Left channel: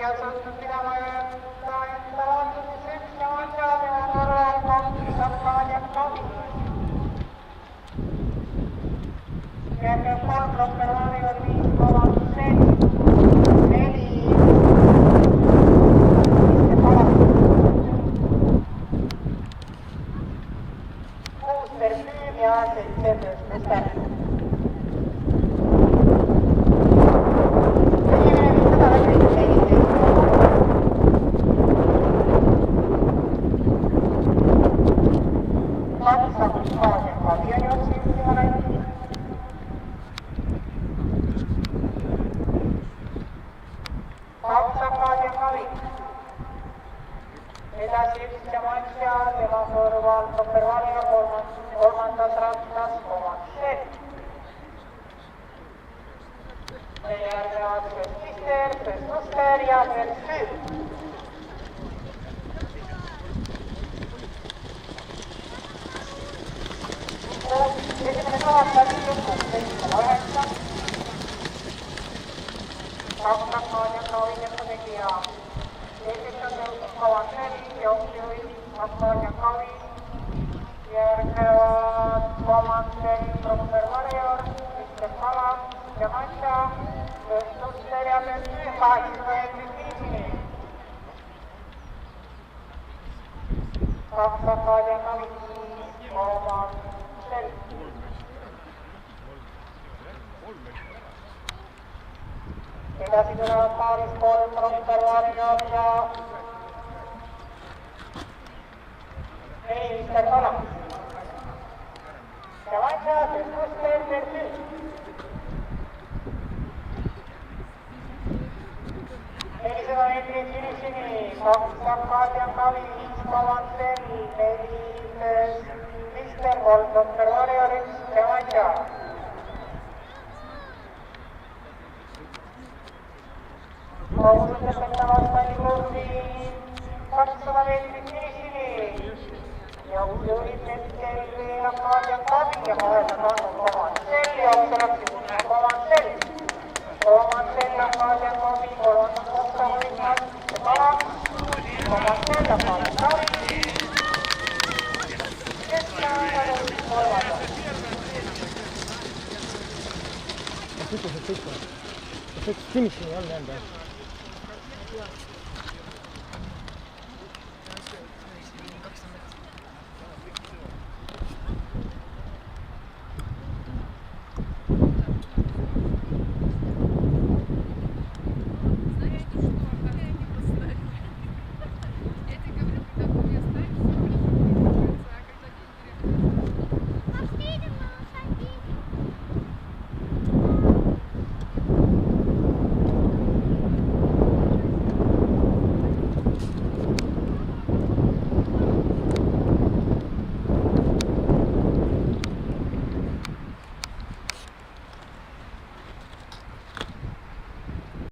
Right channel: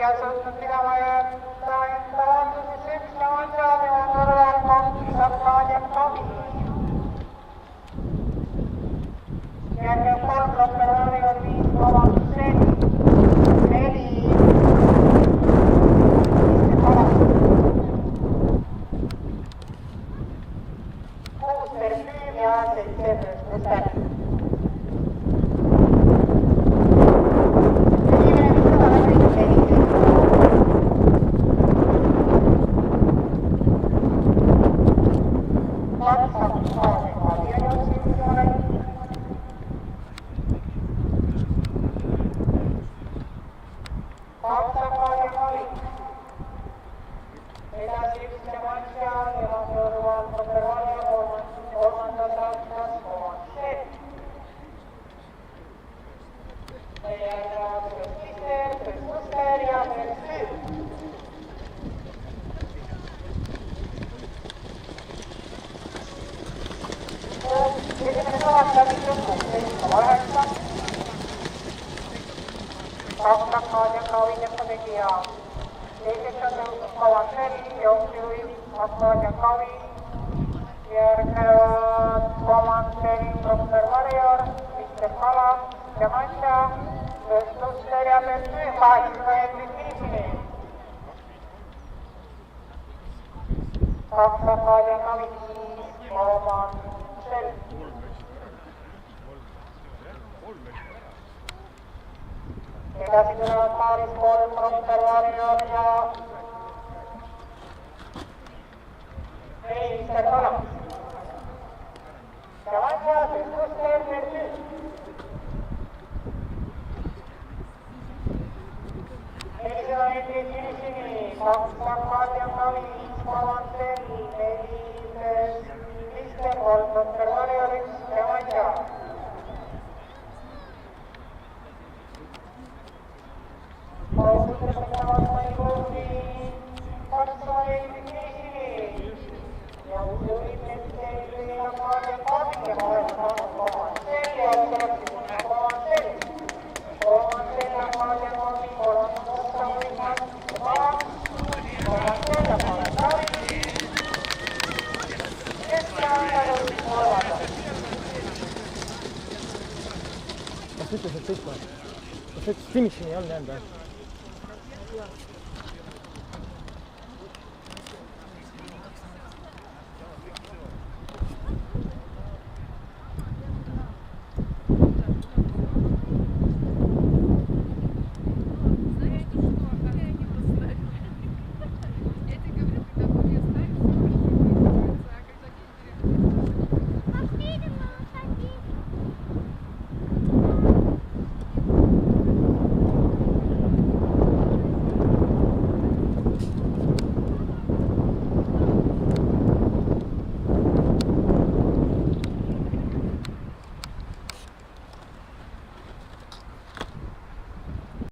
ja suutnud pidama jätta enda vastuses üks ja asjaline kõrval kaks Arkaadiat Kavi. Järgnev 3 Klopper Varjur 5 vabandused, 4 Mr. Kalas, 6 Perfüüm ja 7 Müster. Edasi üks Jamantia, tema kõrval Klopper Varjur, kolmandas rattas Komanset. Järgnevad Mister, Muster ja Perfüüm. Esimene kaheksa, 5,9. Kaks Arkaadiat Kavi tegija. Teiseks on jõudnud Komanset, jooksujuht Arkaadiat Kavi. Järgnevad Komanset, Klopper Varjur, Mr. Kalas, Jamantia, Muster ja Perfüüm 8 meetrit viisini. Kaks Arkaadiat Kavi, Komanset. Edasi tulevad paaris 3 Klopper Varjur ja 4 Mr. Kalas. Jamantia, Muster, Perfüüm. 400 meetrit finisini, 2 Arkaadiat Kavi, 5 Komanset, 4 Mr. 3 Klopper Varjur, 1 Jamantia. Auvõttes enne vastani kurvi 200 meetrit finisini. Jõujuhid hetkel Arkaadiat Kavi ja vahetas andnud Komanset ja otsalaks Komanset. Komanset Arkaadiat Kavi, kolmandas otsa võitmas Kalas. Komanset Arkaadiat Kavi. Keskkäändad kolmandas. Kas ütles, et kõik või? Kas ütles, et finishini ei olnud jäänud?